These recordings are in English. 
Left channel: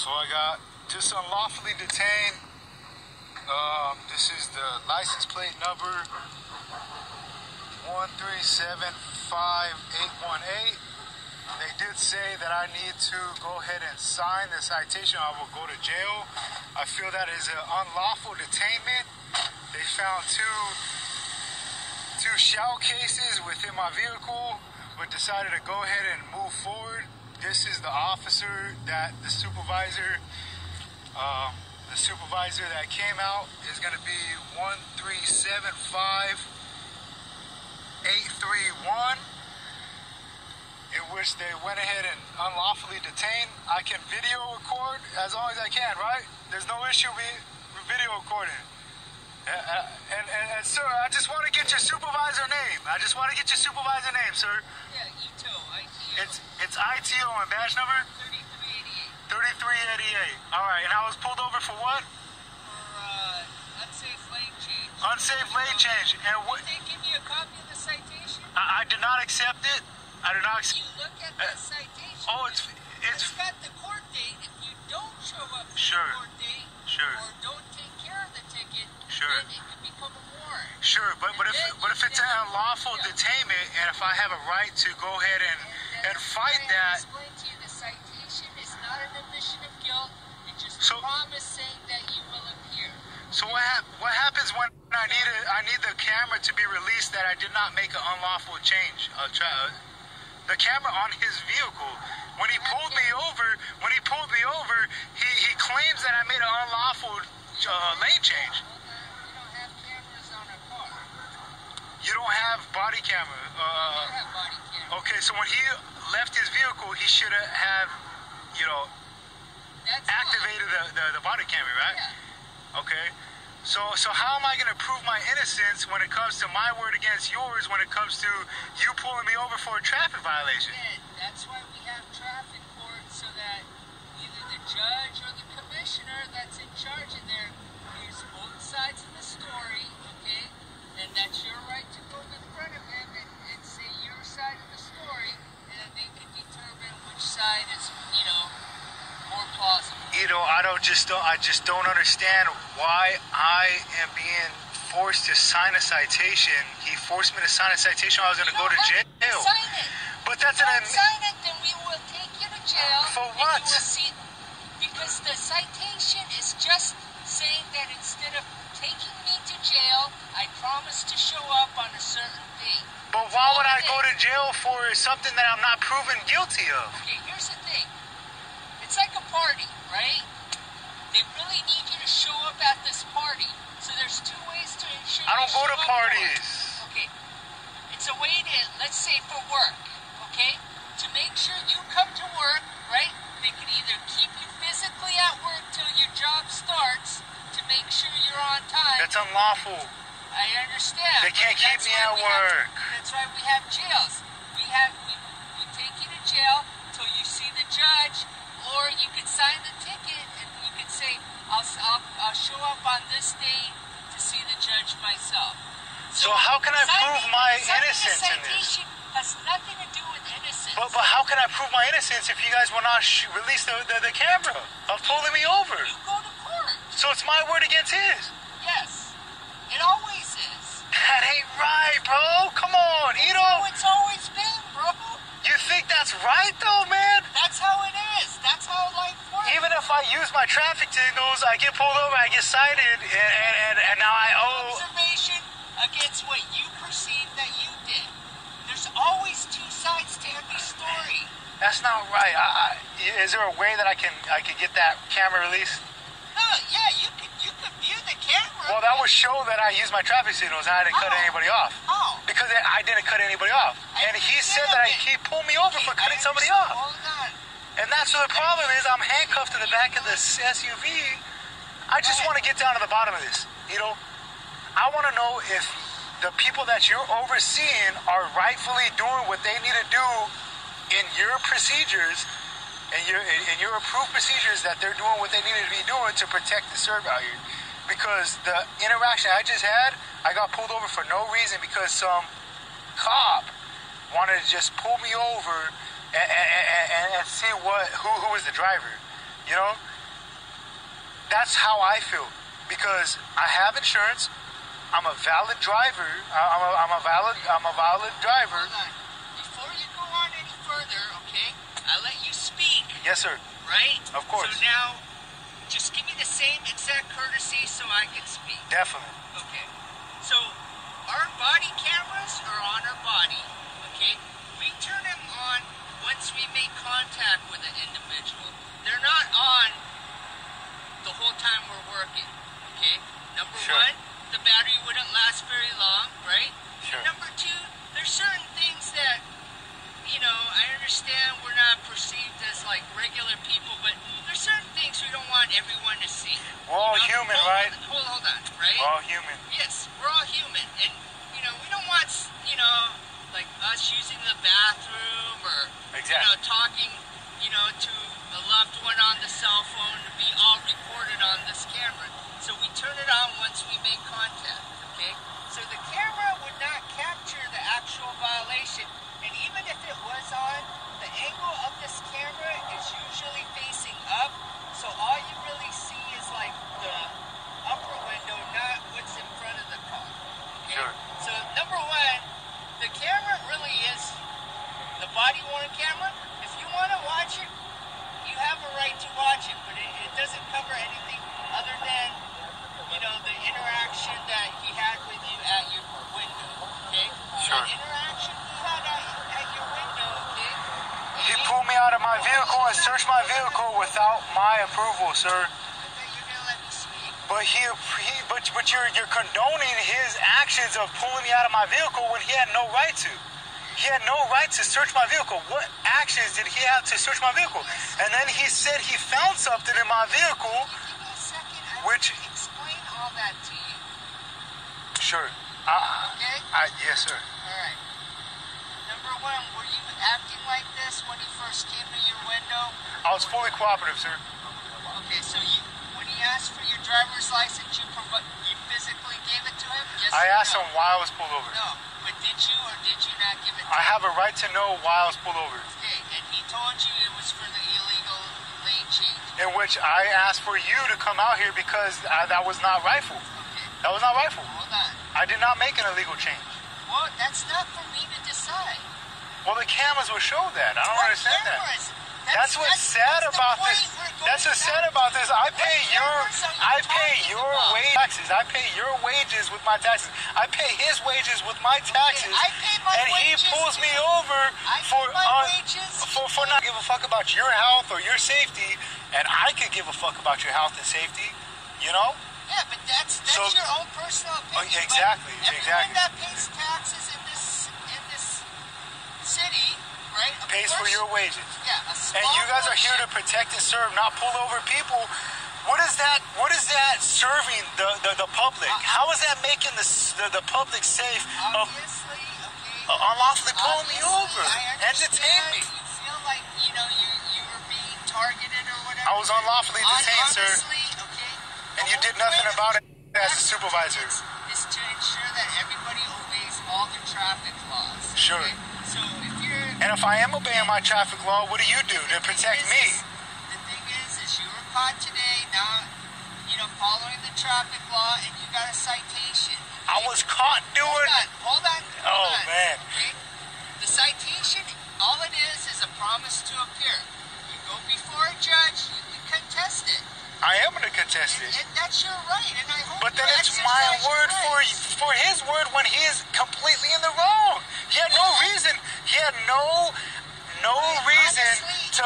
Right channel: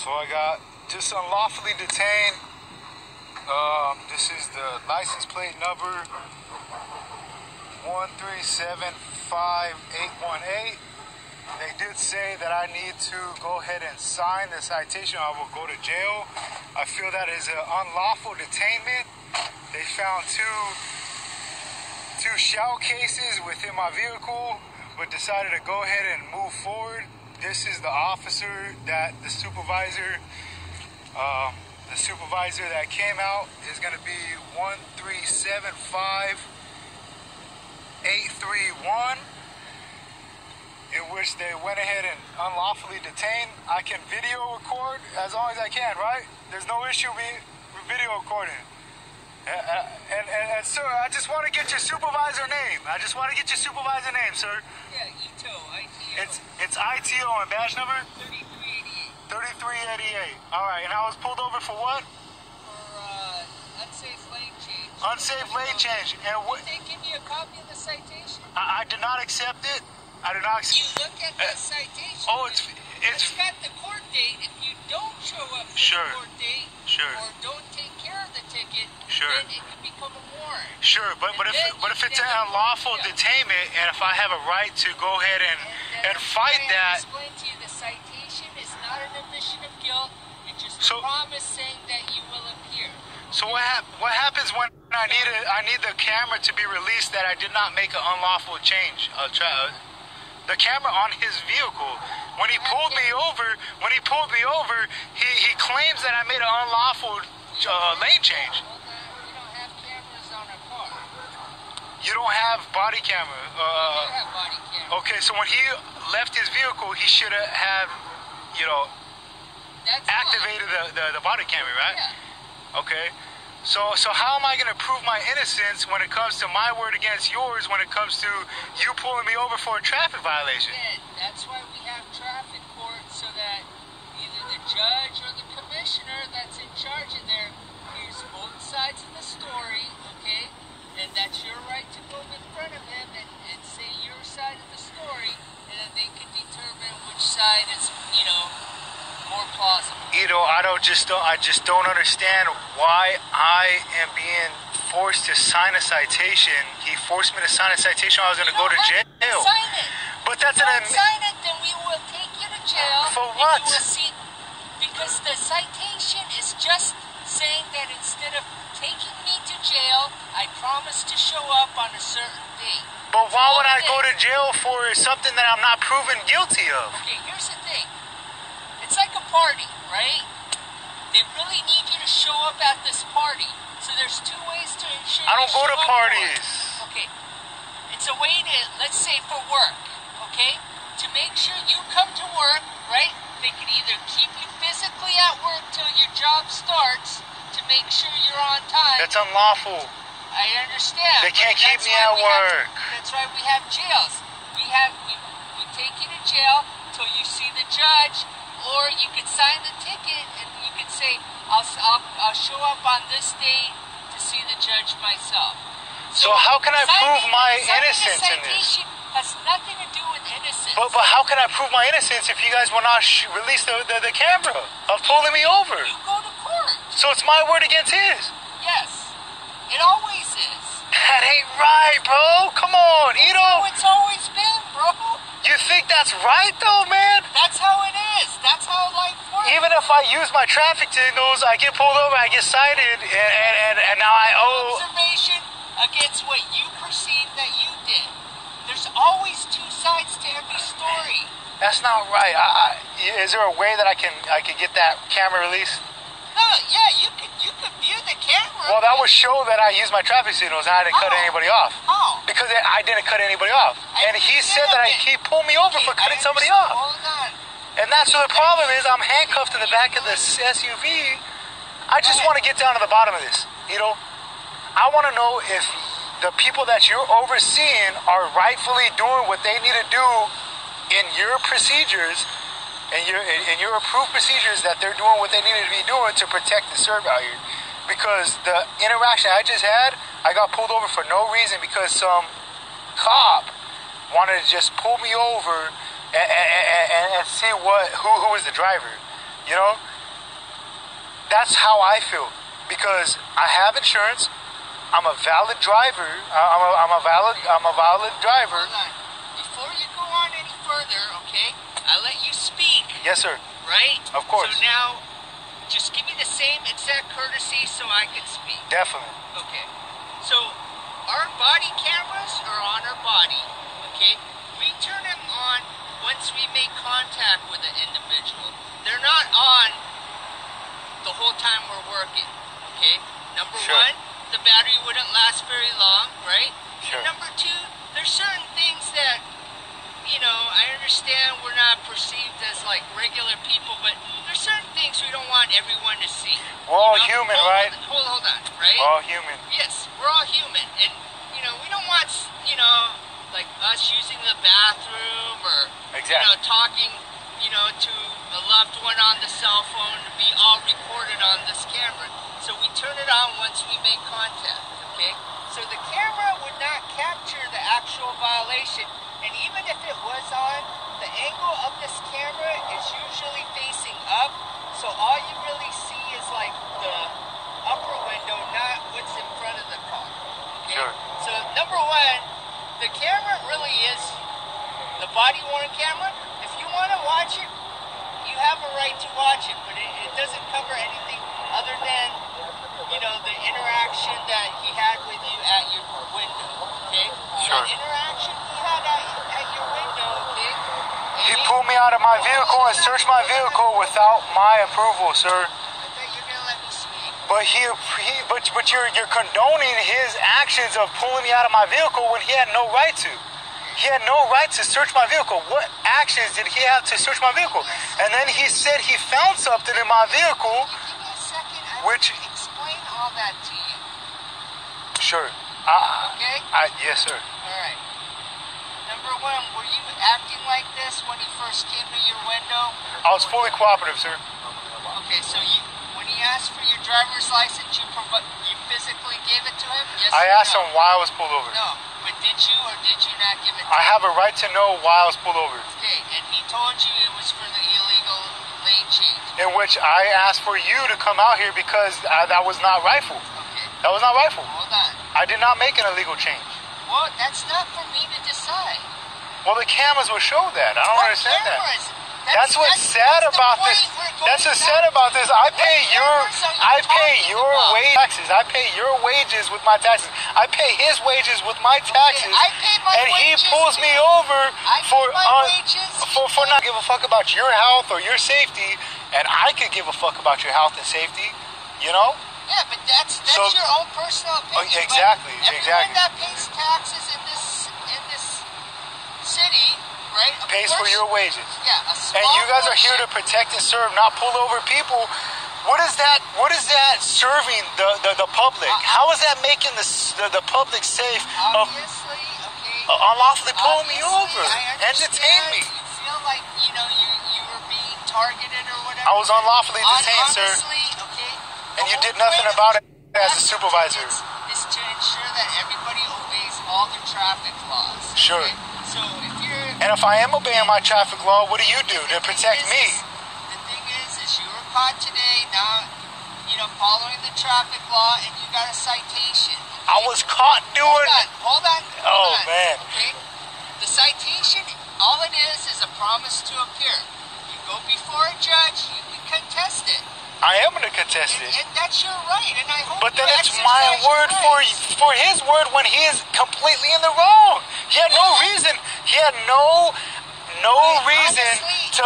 So I got just unlawfully detained. This is the license plate number 1375818. They did say that I need to go ahead and sign the citation or I will go to jail. I feel that is an unlawful detainment. They found two shell cases within my vehicle, but decided to go ahead and move forward. This is the officer that the supervisor that came out is going to be 1375831, in which they went ahead and unlawfully detained. I can video record as long as I can, right? There's no issue with video recording. And sir, I just want to get your supervisor name. Sir. Yeah, ITO. It's ITO and badge number? 3388. Alright, and I was pulled over for what? For unsafe lane change. Unsafe lane change. And what? Did they give you a copy of the citation? I did not accept it. I did not accept it. You look at the citation. Oh, it's got the court date. If you don't show up for the court date, or don't take care of the ticket, then it could become a warrant. Sure, but if it's an unlawful detainment, and if I have a right to go ahead and fight that. Explain to you, the citation is not an admission of guilt. It's just a promise saying that you will appear. So what happens when I need the camera to be released that I did not make an unlawful change? The camera on his vehicle. When he pulled me over, he claims that I made an unlawful lane change. We don't have cameras on our car. You don't have body camera. We have body camera. Okay, so when he left his vehicle, he should have, activated the body camera, right? Yeah. Okay. So how am I going to prove my innocence when it comes to my word against yours, when it comes to you pulling me over for a traffic violation? Yeah, that's why we have traffic courts, so that either the judge or the commissioner that's in charge of there hears both sides of the story, okay? And that's your right to go in front of them and say your side of the story, and then they can determine which side is, more plausible. I just don't understand why I am being forced to sign a citation. He forced me to sign a citation. I was going to go to jail. Sign it. But that's sign it, then we will take you to jail. For what? You will see, because the citation is just saying that instead of taking me to jail, I promise to show up on a certain date. But why would I go to jail for something that I'm not proven guilty of? Okay, here's the thing. It's like a party, right? They really need you to show up at this party. So there's two ways to ensure I don't go to parties. Okay. It's a way to, let's say for work, okay? To make sure you come to work, right? They can either keep you physically at work till your job starts to make sure you're on time. That's unlawful. I understand. They can't keep me at work. That's why we have jails. We take you to jail till you see the judge. Or you can sign the ticket and you can say, I'll show up on this date to see the judge myself. So how can I prove my innocence in this? Has nothing to do with innocence. But how can I prove my innocence if you guys will not release the camera of pulling me over? You go to court. So it's my word against his? Yes. It always is. That ain't right, bro. Come on, Ito. It's always been, bro. You think that's right, though, man? That's how it is. That's how life works. Even if I use my traffic signals, I get pulled over, I get cited, and now I owe... Observation against what you perceive that you did. There's always two sides to every story. That's not right. Is there a way that I can get that camera released? Yeah, you could view the camera. Well, that would show that I used my traffic signals and I didn't cut anybody off. How? Because I didn't cut anybody off. And he said that he pulled me over for cutting somebody off. Hold on. And that's what the problem is. I'm handcuffed in the back of the SUV. I just want to get down to the bottom of this. I want to know if the people that you're overseeing are rightfully doing what they need to do in your procedures and your approved procedures, that they're doing what they needed to be doing to protect and serve out here. Because the interaction I just had, I got pulled over for no reason because some cop wanted to just pull me over and see who was the driver, that's how I feel, because I have insurance. I'm a valid driver. I'm a valid driver. Hold on. Before you go on any further, okay? I let you speak. Yes, sir. Right? Of course. So now, just give me the same exact courtesy so I can speak. Definitely. Okay. So, our body cameras are on our body, okay? We turn them on once we make contact with an individual. They're not on the whole time we're working, okay? Number one, the battery wouldn't last very long, right? Sure. And number two, there's certain things that, you know, I understand we're not perceived as like regular people, but there's certain things we don't want everyone to see. We're all human, right? Hold on, right? We're all human. Yes, we're all human, and you know, we don't want, you know, like us using the bathroom or you know, talking, you know, to a loved one on the cell phone to be all recorded on this camera. So we turn it on once we make contact, okay? So the camera would not capture the actual violation, and even if it was on, the angle of this camera is usually facing up, so all you really see is like the upper window, not what's in front of the car, okay? Sure. So number one, the camera really is the body-worn camera. If you want to watch it, you have a right to watch it, but it doesn't cover anything other than, you know, the interaction that he had with you at your window, okay? Sure. The interaction he had at your window, okay? He pulled me out of my vehicle and searched my vehicle without my approval, sir. I thought you were gonna let me speak. But you're condoning his actions of pulling me out of my vehicle when he had no right to. He had no right to search my vehicle. What actions did he have to search my vehicle? And then he said he found something in my vehicle, Give me a second. which... Explain all that to you. Sure. Okay? Yes, sir. All right. Number one, were you acting like this when he first came to your window? I was fully cooperative, sir. Okay, so when he asked for your driver's license, you physically gave it to him? Yes. I asked him why I was pulled over. No, but did you or did you not give it to him? I have a right to know why I was pulled over. Okay, and he told you it was for the illegal lane change. In which I asked for you to come out here because that was not rightful. Okay. That was not rightful. Hold on. I did not make an illegal change. Well, that's not for me to decide. Well, the cameras will show that. I don't understand that. Cameras? That's what's sad about this. That's what's sad about this. I pay your wage taxes. I pay your wages with my taxes. I pay his wages with my taxes. I pay my and he wages. pulls me over for not give a fuck about your health or your safety, and I could give a fuck about your health and safety. You know? Yeah, but that's your own personal opinion. Exactly. Everyone that pays taxes in this city, right? Pays for your wages. Yeah, and you guys are here to protect and serve, not pull over people. What is that serving the public? How is that making the public safe of unlawfully pulling me over and detain me? You feel like, you know, you were being targeted or whatever. I was unlawfully detained, sir. Okay. And you did nothing about it as a supervisor. Is to ensure that everybody obeys all the traffic laws. Sure. Okay? So if you're... And if I am obeying my traffic law, what do you do to protect me? The thing is you were caught today, now, you know, following the traffic law, and you got a citation. Okay? I was caught doing... Hold on. Man. Okay? The citation, all it is a promise to appear. You go before a judge, you can contest it. I am going to contest it. And that's your right, and I hope. But then it's my word for his word when he is completely in the wrong. He had no reason. He had no reason to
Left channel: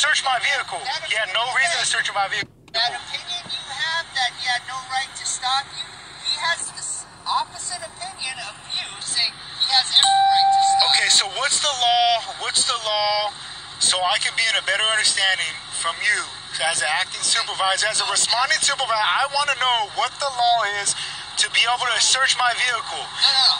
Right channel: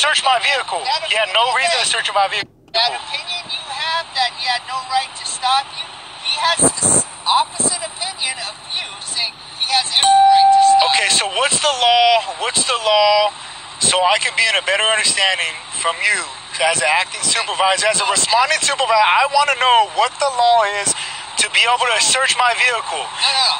search my vehicle. He had no reason to search my vehicle. That opinion you have that he had no right to stop you, he has the opposite opinion of you, saying he has every right to stop. Okay, so what's the law? What's the law? So I can be in a better understanding from you. As an acting supervisor, as a responding supervisor, I want to know what the law is to be able to search my vehicle.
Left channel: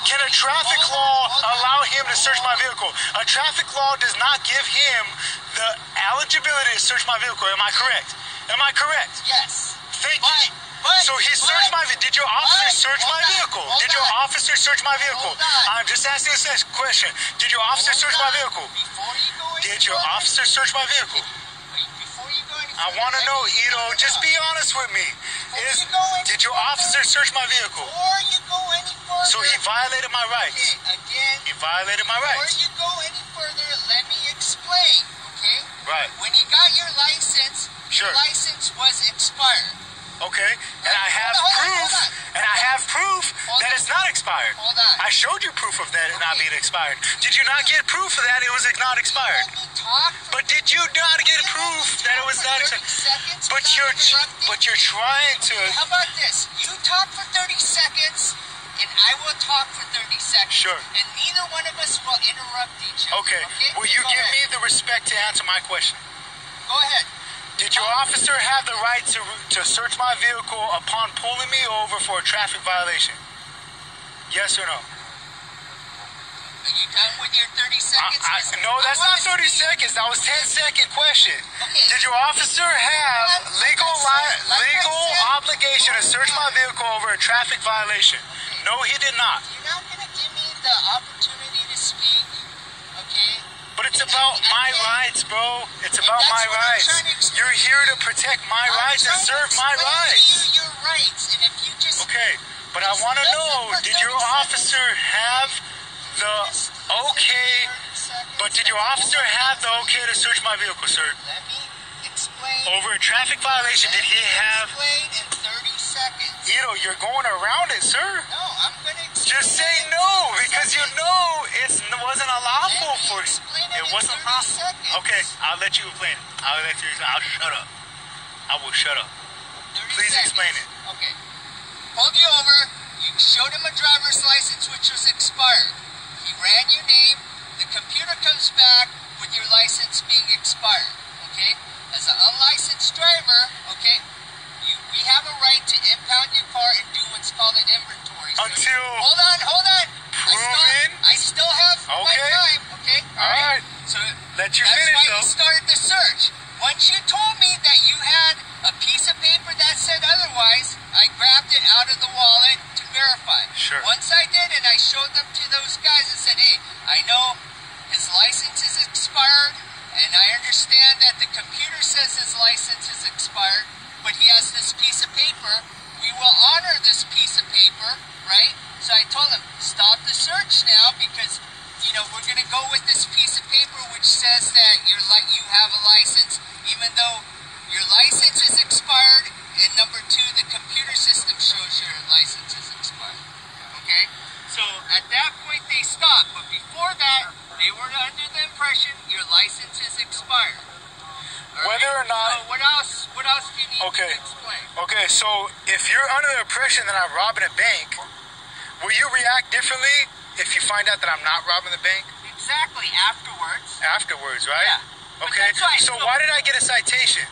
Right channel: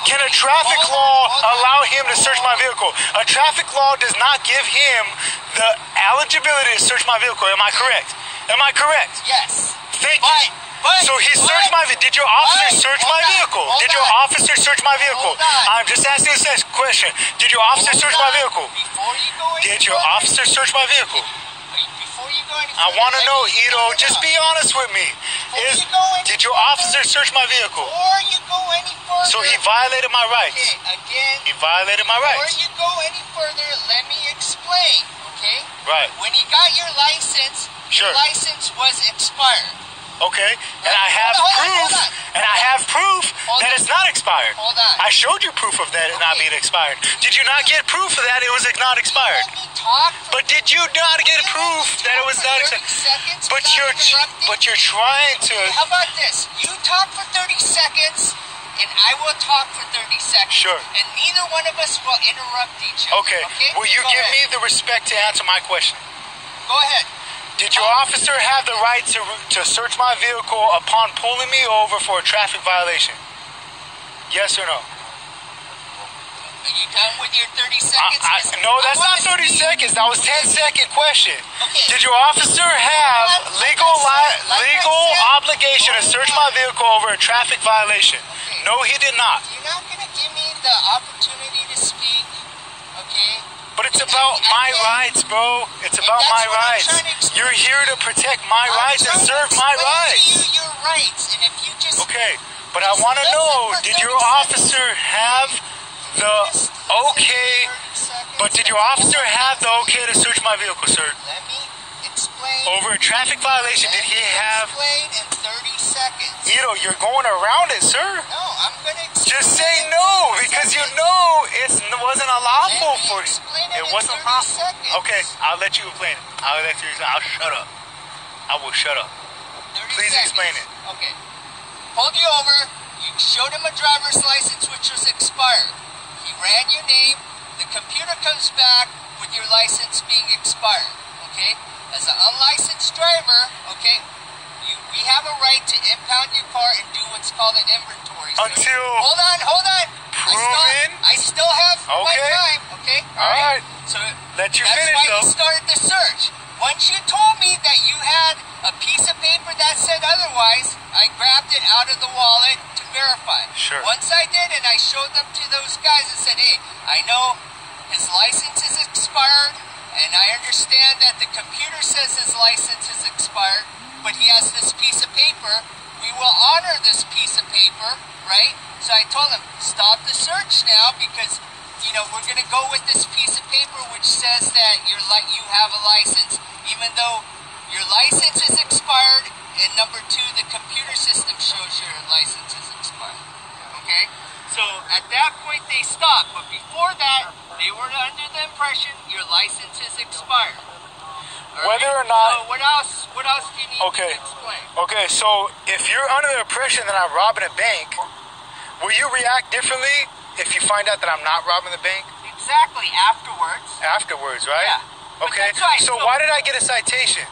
Can a traffic law allow him to search my vehicle? A traffic law does not give him the eligibility to search my vehicle. Am I correct? Am I correct? Yes. Thank you. So he searched my vehicle. Did your officer search my vehicle? Did your officer search my vehicle? I'm just asking this question. Did your officer search my vehicle? Before you go any Did your officer search my vehicle? Before you go any I want to know, Ito, just be honest with me. Did your officer search my vehicle? Before you go any further... So he violated my rights. Okay, again... He violated my rights. Before you go any further, let me explain, okay? Right. When you got your license, Sure. your license was expired. Okay, and I have proof that it's not expired. Hold on. I showed you proof of that it not being expired. Did you not get proof of that it was not expired? Let me talk for... But did you not get proof that it was not expired? But you're trying to... How about this? You talk for 30 seconds, and I will talk for 30 seconds. Sure. And neither one of us will interrupt each other. Okay. Will you give me the respect to answer my question? Go ahead. Did your officer have the right to search my vehicle upon pulling me over for a traffic violation? Yes or no? Are you done with your 30 seconds? No, that's not 30 seconds. That was 10-second question. Okay. Did your officer have legal obligation to search my vehicle over a traffic violation? Okay. No, he did not. You're not going to give me the opportunity to speak, okay? But it's about my rights, bro. It's about my rights. You're here to protect my rights and serve my rights. You your rights, and if you just... Okay, but I want to know, did your officer have the okay... But did your officer have the okay to search my vehicle, sir? Let me explain. Over a traffic violation, did he have... Explain in 30 seconds. Ito, you're going around it, sir. No, I'm going to explain. Just say no, because you know it wasn't unlawful for you. It wasn't possible. Okay, I'll let you explain it. I'll shut up. I will shut up. Please explain it. Okay. Pulled you over. You showed him a driver's license which was expired. He ran your name. The computer comes back with your license being expired. Okay? As an unlicensed driver, okay, we have a right to impound your car and do what's called an inventory. Until... Hold on. Proven? I still have my time. Okay? All right. So let you that's finish, why though. we started the search. Once you told me that you had a piece of paper that said otherwise, I grabbed it out of the wallet to verify. Sure. Once I did it, I showed them to those guys and said, hey, I know his license is expired, and I understand that the computer says his license is expired, but he has this piece of paper. We will honor this piece of paper, right? So I told him, stop the search now because, we're going to go with this piece of paper which says that you have a license. Even though your license is expired, and number two, the computer system shows your license is expired. Okay? So at that point they stopped, but before that, they were under the impression your license is expired. Whether or not... So what else do you need to explain? Okay, so if you're under the impression that I'm robbing a bank, will you react differently if you find out that I'm not robbing the bank? Exactly, afterwards. Afterwards, right? Yeah. Okay, so why did I get a citation?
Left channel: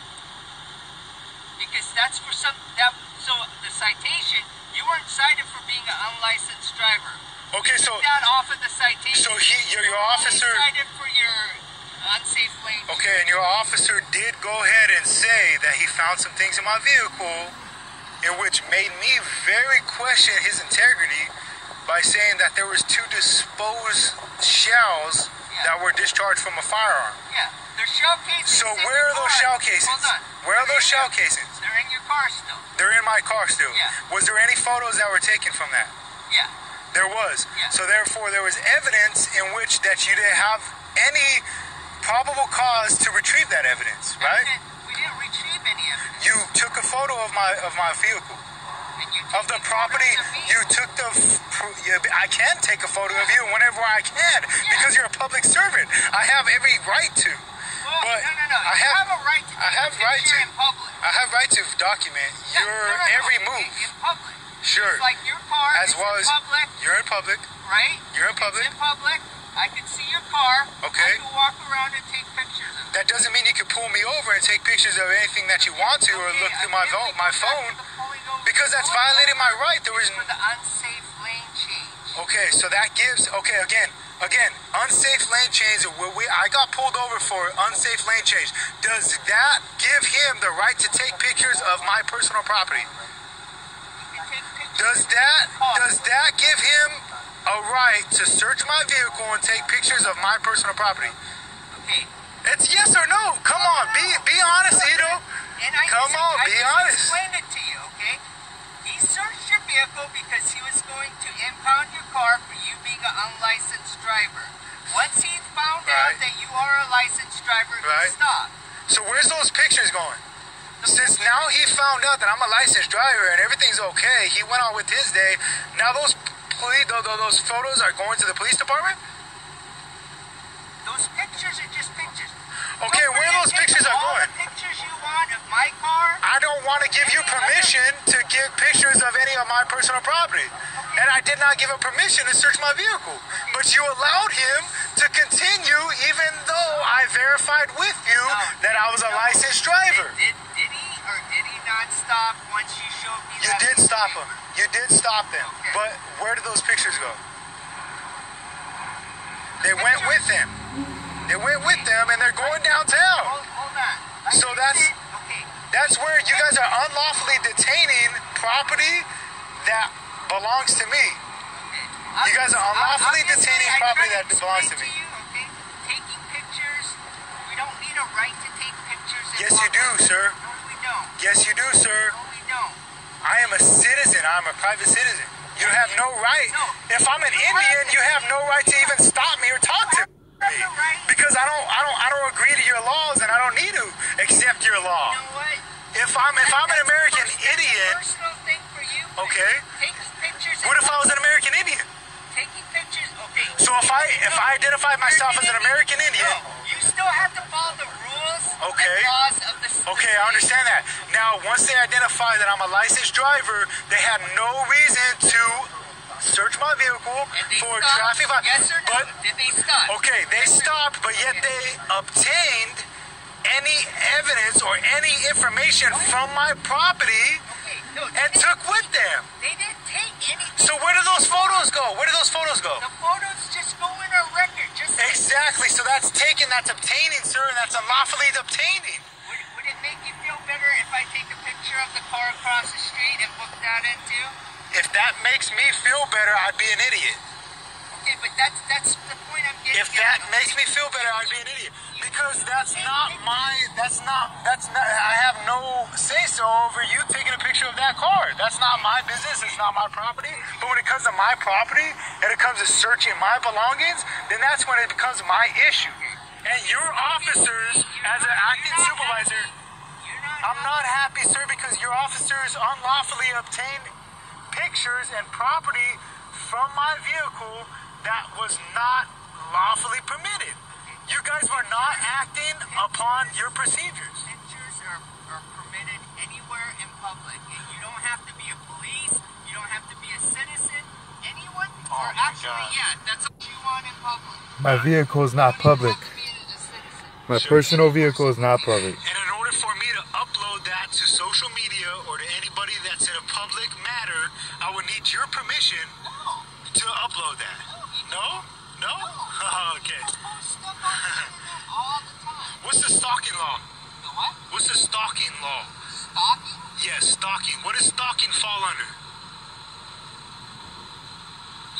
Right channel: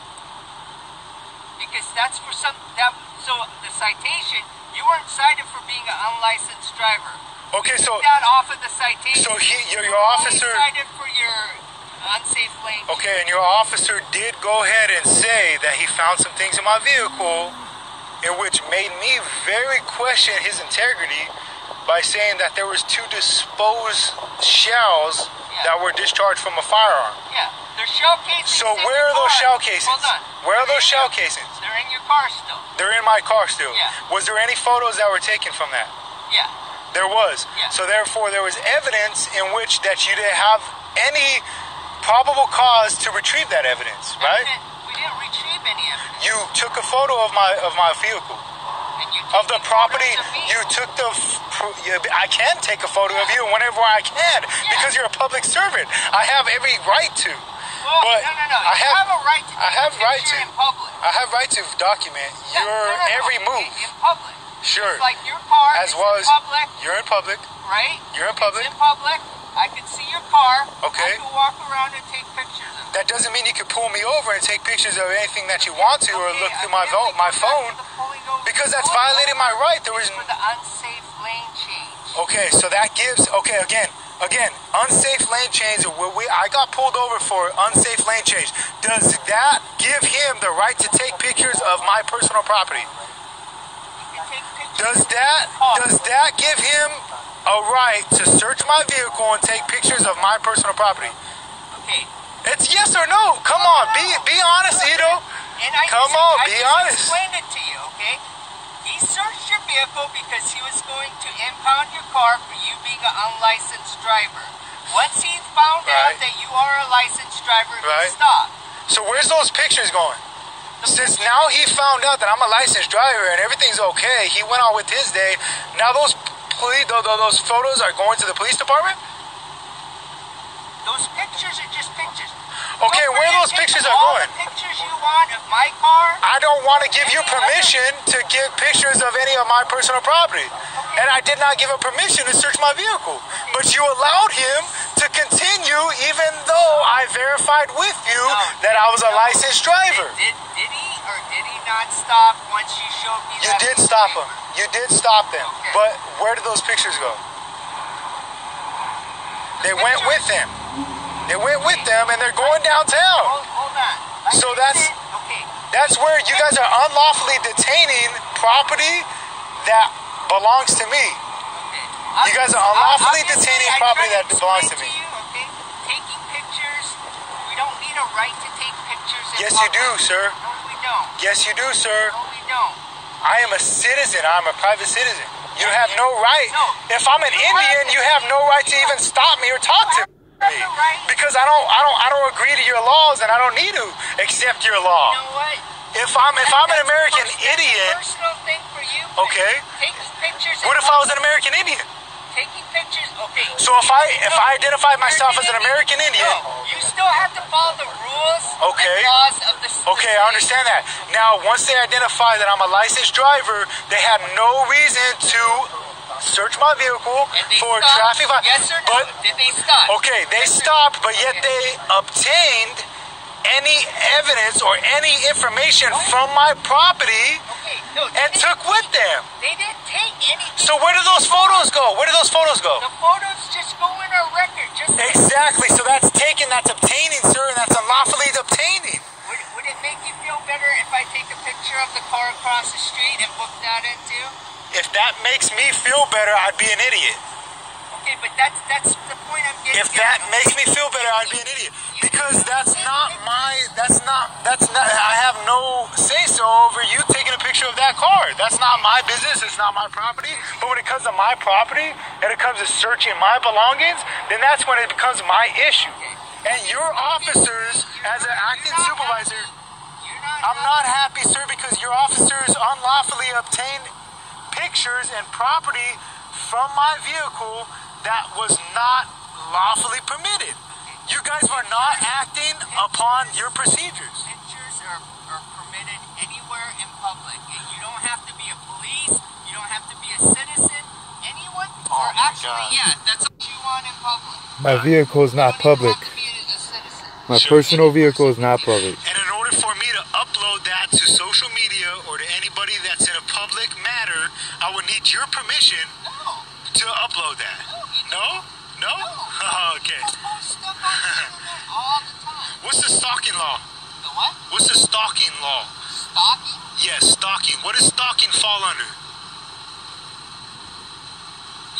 Because that's for so the citation, you weren't cited for being an unlicensed driver. Okay, you so... took that off of the citation. So your officer... You were cited for your unsafe lane. Okay, and your officer did go ahead and say that he found some things in my vehicle in which made me very question his integrity by saying that there was 2 disposed shells that were discharged from a firearm. Yeah, they're shell casings. So where are those shell casings? Hold on. Where are those shell casings? They're in your car still. They're in my car still. Yeah. Was there any photos that were taken from that? Yeah. There was. Yeah. So therefore there was evidence in which that you didn't have any probable cause to retrieve that evidence, right? We didn't retrieve any evidence. You took a photo of my vehicle. Of the property, you took I can take a photo of you whenever I can because you're a public servant. I have every right to. Well, but no. I have a right to. I have right to. In public. I have right to document your every move. In public. Sure. It's like your car as is well in public. You're in public. Right. You're in public. It's in public. I can see your car. Okay. I can walk around and take pictures of it. That doesn't mean you can pull me over and take pictures of anything that you want to or look through my phone. Because that's violating my right. There was for the unsafe lane change. Okay, so that gives again, unsafe lane change. I got pulled over for unsafe lane change. Does that give him the right to take pictures of my personal property? Does that give him a right to search my vehicle and take pictures of my personal property? Okay. It's yes or no. Come on, be honest, Ito. Come on, be honest. Explain it to you, okay? He searched your vehicle because he was going to impound your car for you being an unlicensed driver. Once he found out that you are a licensed driver, he stopped. So where's those pictures going? Since now he found out that I'm a licensed driver and everything's okay, he went on with his day. Now those photos are going to the police department? Those pictures are just pictures. Okay, where those pictures are all going? The pictures you want of my car? I don't want to give you permission to give pictures of any of my personal property. And I did not give him permission to search my vehicle. But you allowed him to continue even though I verified with you that I was a licensed driver. Did he or did he not stop once you showed me You did stop him. You did stop them. Okay. But where did those pictures go? They went with him. They went with them and they're going downtown. Hold on. So that's where you guys are unlawfully detaining property that belongs to me. Okay. You guys are unlawfully detaining property that belongs to me. Okay? Taking pictures, we don't need a right to take pictures. Yes, you do, sir. No, we don't. Yes, you do, sir. No, we don't. I am a citizen. I'm a private citizen. You have no right. No. If I'm an Indian, you have no right to even stop me or talk to me. Because I don't agree to your laws and I don't need to accept your law. You know what? If I'm an American idiot, personal thing for you. okay. Taking pictures. What if I was an American Indian? Taking pictures. Okay. So if I identified myself as an American Indian, you still have to follow the rules and laws of the state. Okay, I understand that. Now, once they identify that I'm a licensed driver, they had no reason to search my vehicle for traffic violation. Yes or no? Did they stop? Okay, they stopped, but yet they obtained any evidence or any information from my property and took with them. They didn't take anything. So where do those photos go? Where do those photos go? The photos just go in our record. Exactly. So that's taken, that's obtaining, sir, and that's unlawfully obtaining. Would it make you feel better if I take a picture of the car across the street and book that in too? If that makes me feel better, I'd be an idiot. Okay, but that's the point I'm getting. If that makes me feel better, I'd be an idiot. Because that's not, I have no say-so over you taking a picture of that car. That's not my business, it's not my property. But when it comes to my property, and it comes to searching my belongings, then that's when it becomes my issue. And your officers, as an acting supervisor, I'm not happy, sir, because your officers unlawfully obtained pictures and property from my vehicle that was not lawfully permitted. You guys were not acting upon your procedures. Pictures are permitted anywhere in public. You don't have to be a police. You don't have to be a citizen. Anyone? Oh my God. Yeah, that's what you want in public. My vehicle is not public. My personal vehicle is not public. And in order for me to upload that to social media or to anybody that's in a public matter, I would need your permission to upload that. No? No? Oh, okay. All the time. What's the stalking law? The what? What's the stalking law? Stalking? Yes, stalking. What does stalking fall under?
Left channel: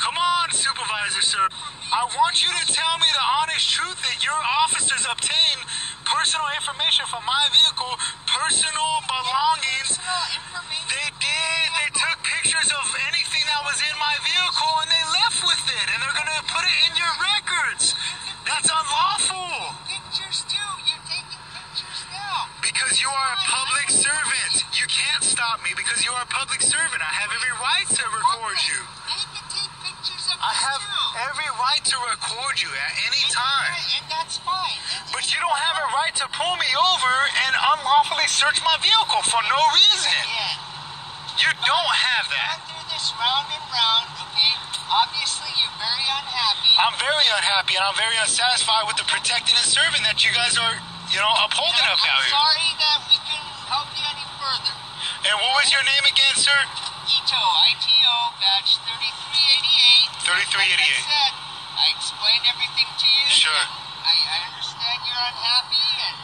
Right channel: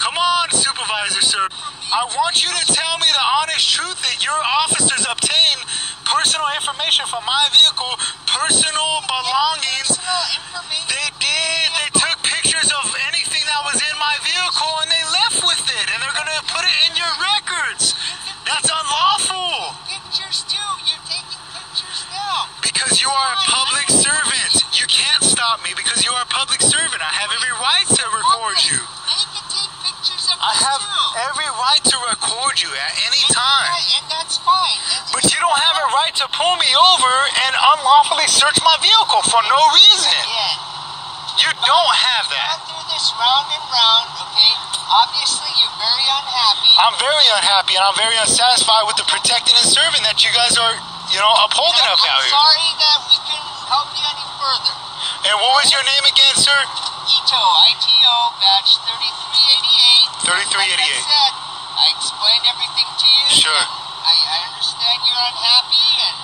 Come on, supervisor, sir. I want you to tell me the honest truth that your officers obtained personal information from my vehicle, personal belongings. Personal information? They did. They took pictures of anything that was in my vehicle and they left with it. And they're going to put it in your records. That's unlawful. Pictures too. You're taking pictures now. Because you are a public servant. You can't stop me because you are a public servant. I have every right to record you. They can take pictures of I you have too. every right to record you at any time. And that's fine. But you don't have a right to pull me over and unlawfully search my vehicle for no reason. Yeah. You don't have that. Go through this round and round, okay? Obviously, you're very unhappy. I'm very unhappy and I'm very unsatisfied with the protecting and serving that you guys are, upholding up out here. I'm sorry that we couldn't help you any further. And what was your name again, sir? ITO, badge 3388. 3388. Like I said, I explained everything to you. Sure. I understand you're unhappy and...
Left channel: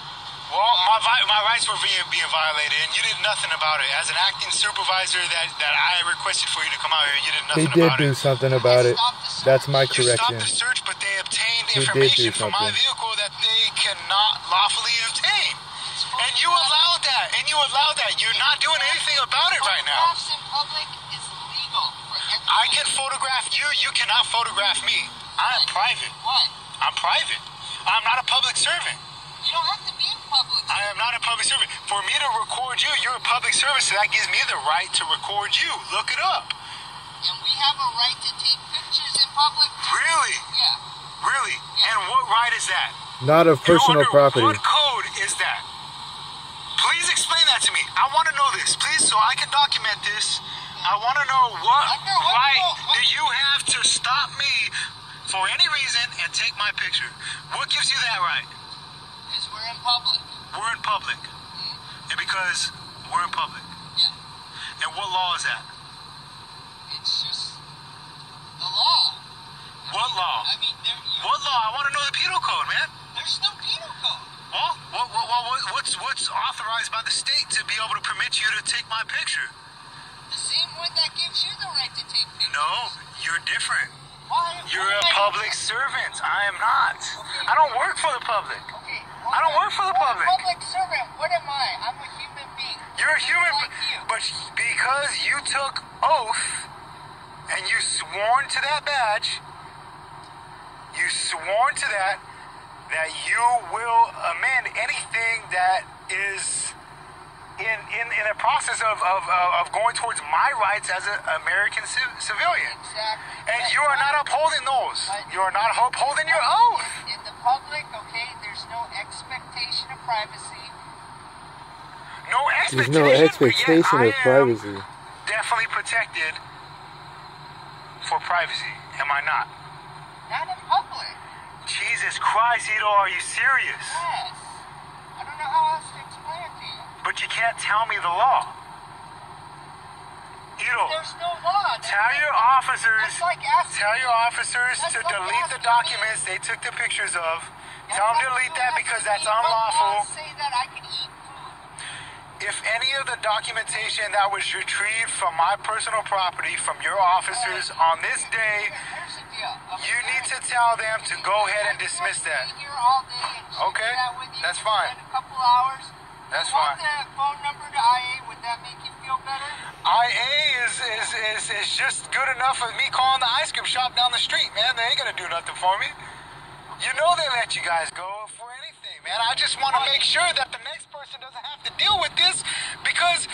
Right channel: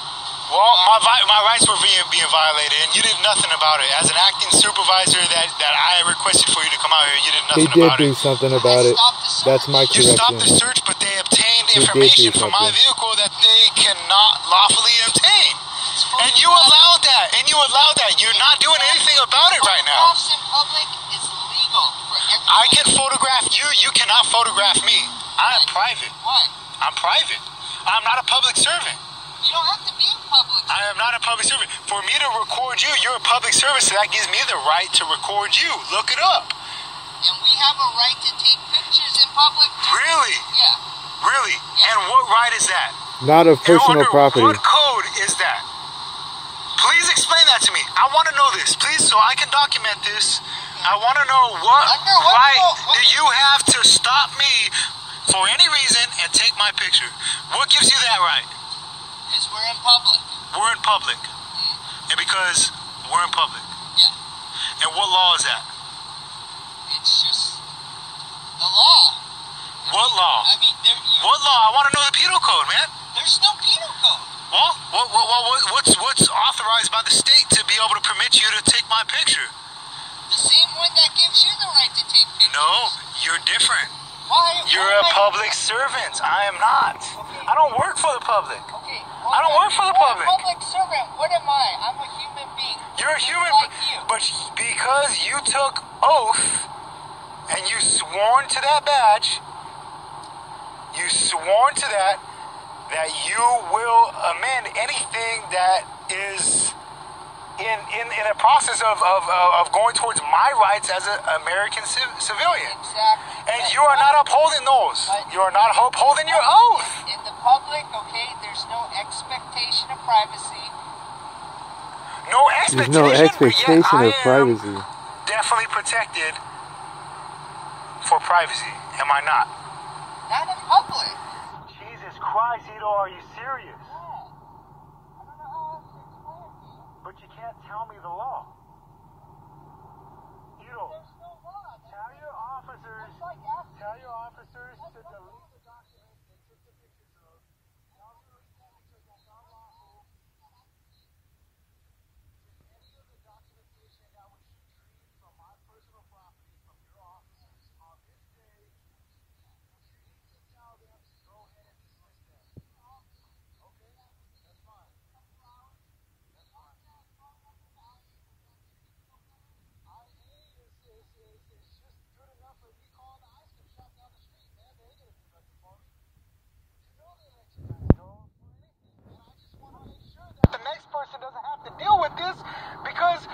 Well, my rights were being violated, and you did nothing about it. As an acting supervisor that I requested for you to come out here, you did nothing about it. He did do something about it. That's my You stopped correction. the search, but they obtained information from my vehicle that they cannot lawfully obtain. And you allowed that, and you can photograph you. You cannot photograph me. I am private. What? I'm private. I'm not a public servant. You don't have to be in public. I am not a public servant. For me to record you, you're a public service, so that gives me the right to record you. Look it up. And we have a right to take pictures in public. Really? Yeah. Really? And what right is that? Not of personal Under property. What code is that? Please explain that to me. I want to know this, please, so I can document this. I want to know what right do you have to stop me for any reason and take my picture? What gives you that right? Because we're in public. We're in public. And because we're in public. Yeah. And what law is that? It's just the law. What law? I mean, what law? I want to know the penal code, man. There's no penal code. Well, what's authorized by the state to be able to permit you to take my picture? The same one that gives you the right to take pictures. No, you're different. Why? You're a public servant. I am not. I don't work for the public. Okay. I don't work for the public. You're a public servant. What am I? I'm a human being. You're a human like you. But because you took oath and you sworn to that badge, you sworn to that you will amend anything that is in a process of going towards my rights as an American civilian. Exactly. And you are not upholding those. You are not upholding your oath. In the public, okay, there's no expectation of privacy. There's no expectation of privacy. Definitely protected for privacy. Am I not? Not in public. Jesus Christ, Ito, are you serious? Yes. I don't know how else to explain it to you. But you can't tell me the law. Ito, there's no law. Tell your officers to delete the documents they took the pictures of. Tell them to delete that because that's unlawful. Say that I can eat food. If any of the documentation that was retrieved from my personal property from your officers on this day, you need to tell them to go ahead and dismiss that. Okay, that's fine. A couple hours. That's fine. The phone number to IA, would that make you feel better? IA is just good enough with me calling the ice cream shop down the street, man. They ain't gonna do nothing for me. You know they let you guys go for anything, man. I just want to make sure that the next person doesn't have to deal with this because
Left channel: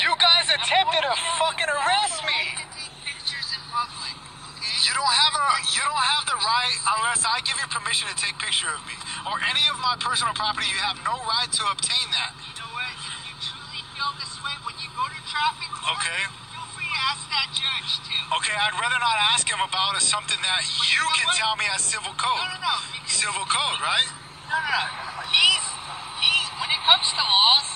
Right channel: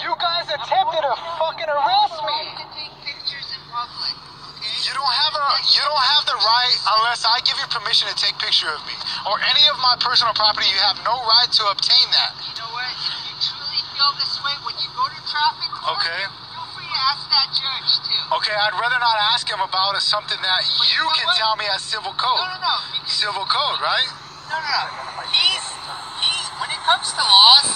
you guys attempted to fucking arrest me. To take pictures in public, okay? You don't have the right unless I give you permission to take picture of me or any of my personal property. You have no right to obtain that. You know what? If you truly feel this way when you go to traffic court, okay, feel free to ask that judge too. Okay, I'd rather not ask him about something that you can tell me as civil code. No. Civil code, right? No. He's when it comes to laws,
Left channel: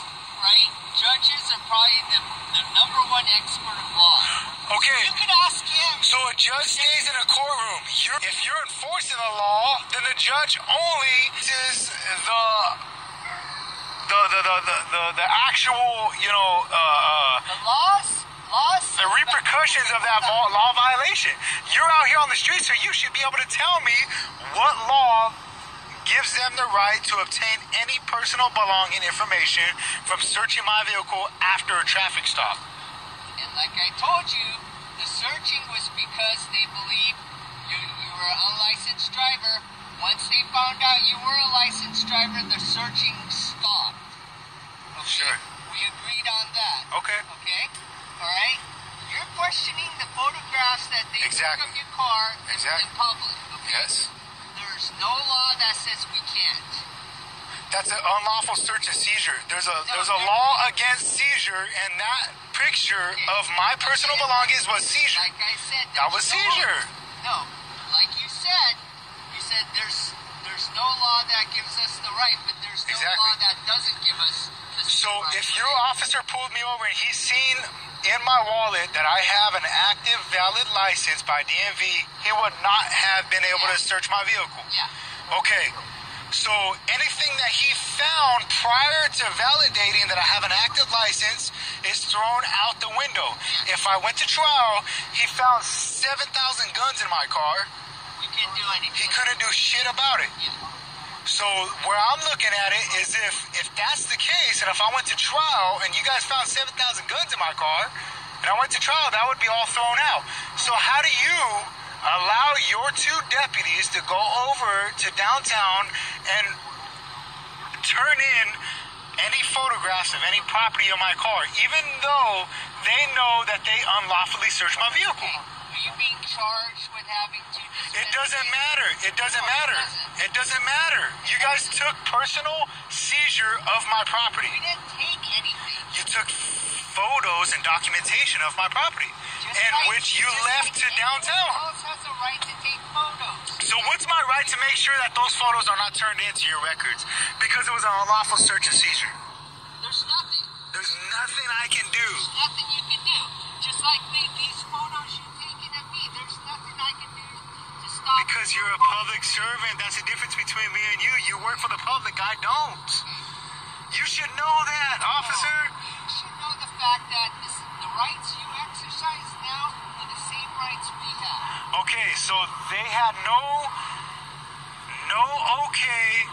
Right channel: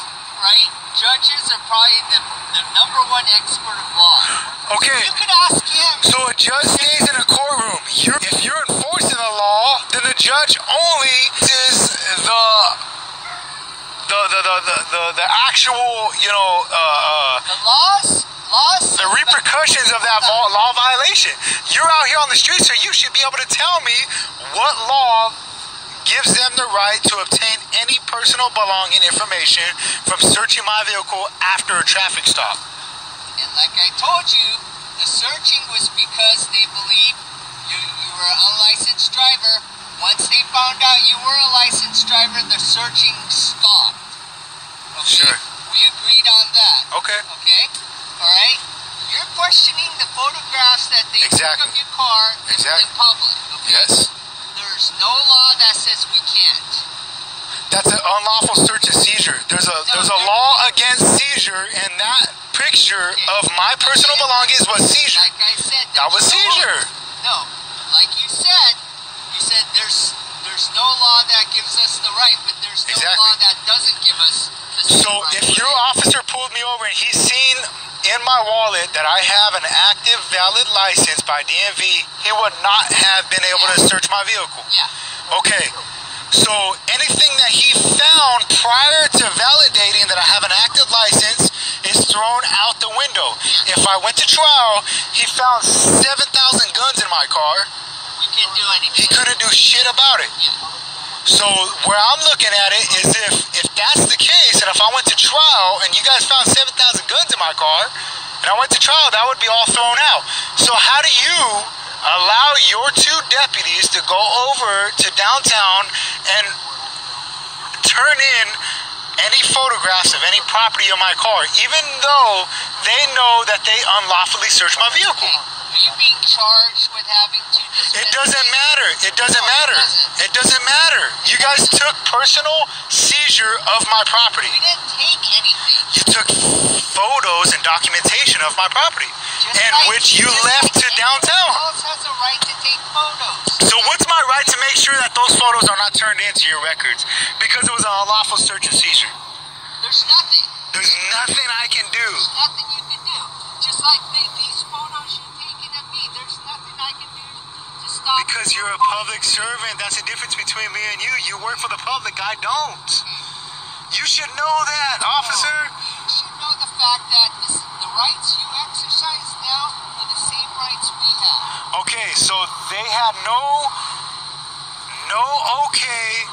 right? Judges are probably the number one expert of law. Okay. You could ask him. So a judge stays in a courtroom. If you're enforcing the law, then the judge only is the actual, the laws. The repercussions of that law violation. You're out here on the street, so you should be able to tell me what law gives them the right to obtain any personal belonging information from searching my vehicle after a traffic stop. And like I told you, the searching was because they believed you were an unlicensed driver. Once they found out you were a licensed driver, the searching stopped. Okay? Sure. We agreed on that. Okay. Okay? Alright? You're questioning the photographs that they took of your car in public. Okay? Yes. There's no law that says we can't. That's an unlawful search and seizure. There's a law against seizure, and that picture of my personal belongings was seizure. Like I said, that was seizure. No, like you said there's no law that gives us the right, but there's no law that doesn't give us the same right. If your officer pulled me over and he's seen in my wallet that I have an active, valid license by DMV, he would not have been able to search my vehicle. Yeah. Okay. So anything that he found prior to validating that I have an active license is thrown out the window. If I went to trial, he found 7,000 guns in my car. You can't do anything. He couldn't do shit about it. Yeah. So where I'm looking at it is if that's the case, and if I went to trial and you guys found 7,000 guns in my car, and I went to trial, that would be all thrown out. So how do you allow your 2 deputies to go over to downtown and turn in any photographs of any property on my car, even though they know that they unlawfully searched my vehicle? Are you being charged with having to dispense? It doesn't matter. It doesn't matter. It doesn't matter. You guys took personal seizure of my property. We didn't take anything. You took photos and documentation of my property, which you left to downtown. Who else has a right to take photos? So what's my right to make sure that those photos are not turned into your records? Because it was an unlawful search and seizure. There's nothing. There's nothing I can do. There's nothing you can do. Just like these photos you're taking of me, there's nothing I can do to stop. Because you're a public servant. That's the difference between me and you. You work for the public. I don't. You should know that, officer. You should know the fact that the rights you exercise now are the same rights we have. Okay, so they had no okay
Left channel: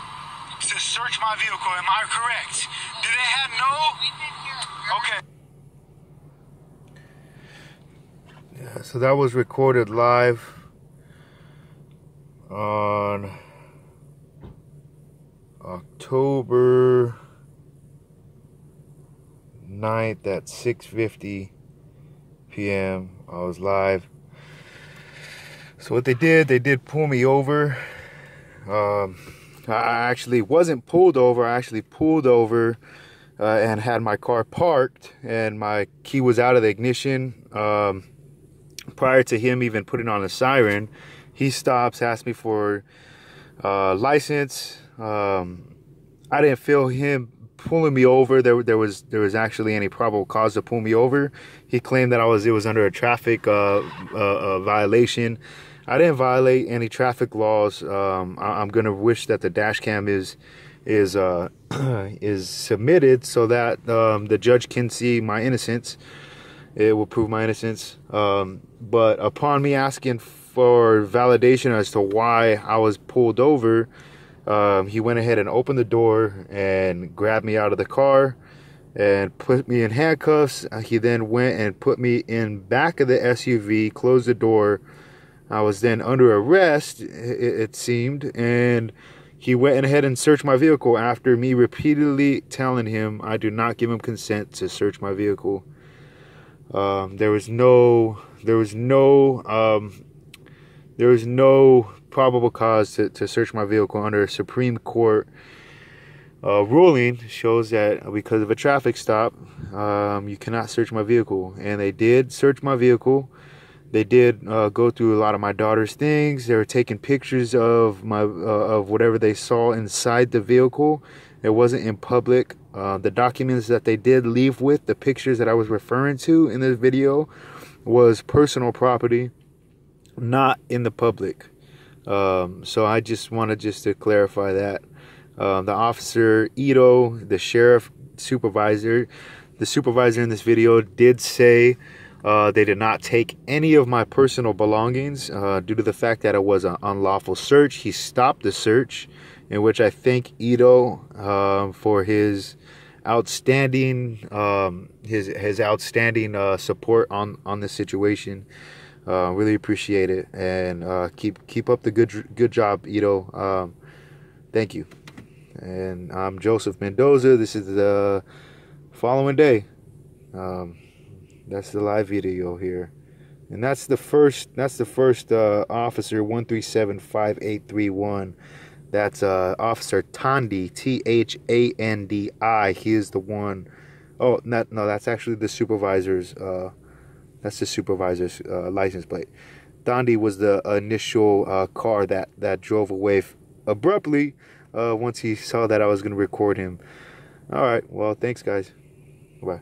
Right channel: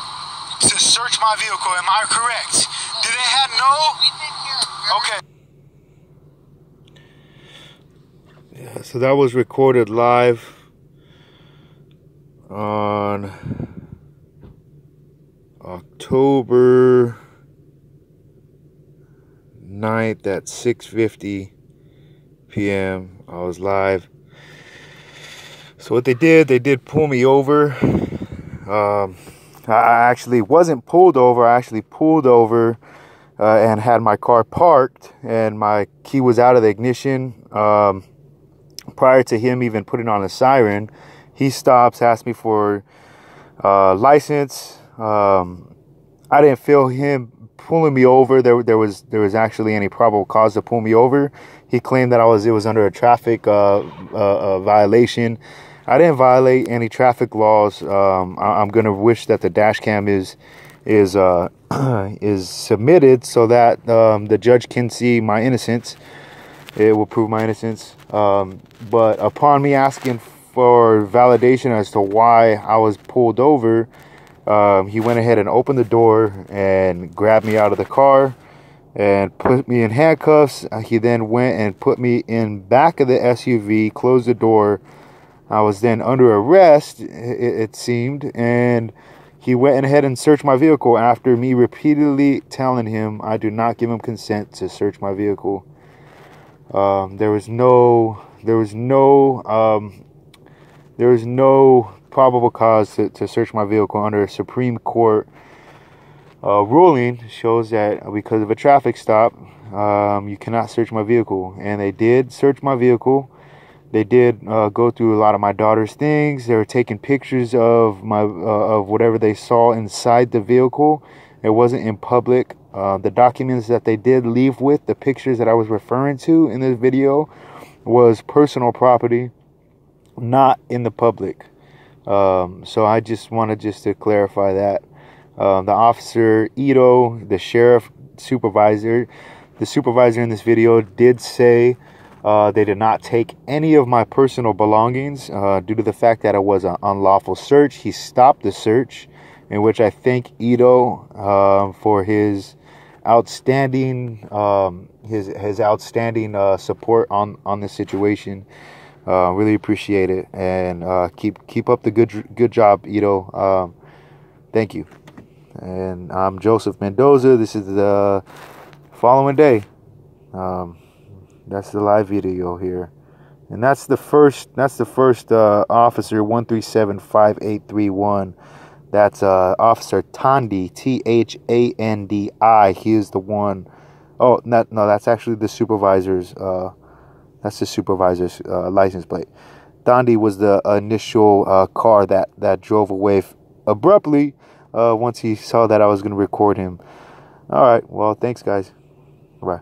to search my vehicle. Am I correct? Do they have no? We've been here. Okay. Yeah, so that was recorded live on October 9th at 6:50 p.m. I was live. So what they did pull me over. I actually wasn't pulled over. I actually pulled over and had my car parked, and my key was out of the ignition. Prior to him even putting on a siren, he stops, asks me for license. I didn't feel him pulling me over. There was actually any probable cause to pull me over. He claimed that it was under a traffic violation. I didn't violate any traffic laws. I'm gonna wish that the dash cam is submitted so that the judge can see my innocence. It will prove my innocence. But upon me asking for validation as to why I was pulled over, he went ahead and opened the door and grabbed me out of the car and put me in handcuffs. He then went and put me in back of the SUV, closed the door. I was then under arrest, it seemed, and he went ahead and searched my vehicle after me repeatedly telling him I do not give him consent to search my vehicle. There was no probable cause to search my vehicle under a Supreme Court ruling. Shows that because of a traffic stop, you cannot search my vehicle, and they did search my vehicle. They did go through a lot of my daughter's things. They were taking pictures of of whatever they saw inside the vehicle. It wasn't in public. The documents that they did leave with, the pictures that I was referring to in this video, was personal property, not in the public. So I just wanted to clarify that. The officer, Ito, the sheriff supervisor, the supervisor in this video did say they did not take any of my personal belongings due to the fact that it was an unlawful search. He stopped the search, in which I thank Ito for his outstanding support on this situation. Really appreciate it, and keep up the good job, Ito. Thank you. And I'm Joseph Mendoza. This is the following day. That's the live video here, and that's the first officer 1375831. That's Officer THANDI, THANDI. He is the one. Oh, no, that's actually the supervisor's. That's the supervisor's license plate. THANDI was the initial car that drove away abruptly once he saw that I was going to record him. All right. Well, thanks, guys. Bye.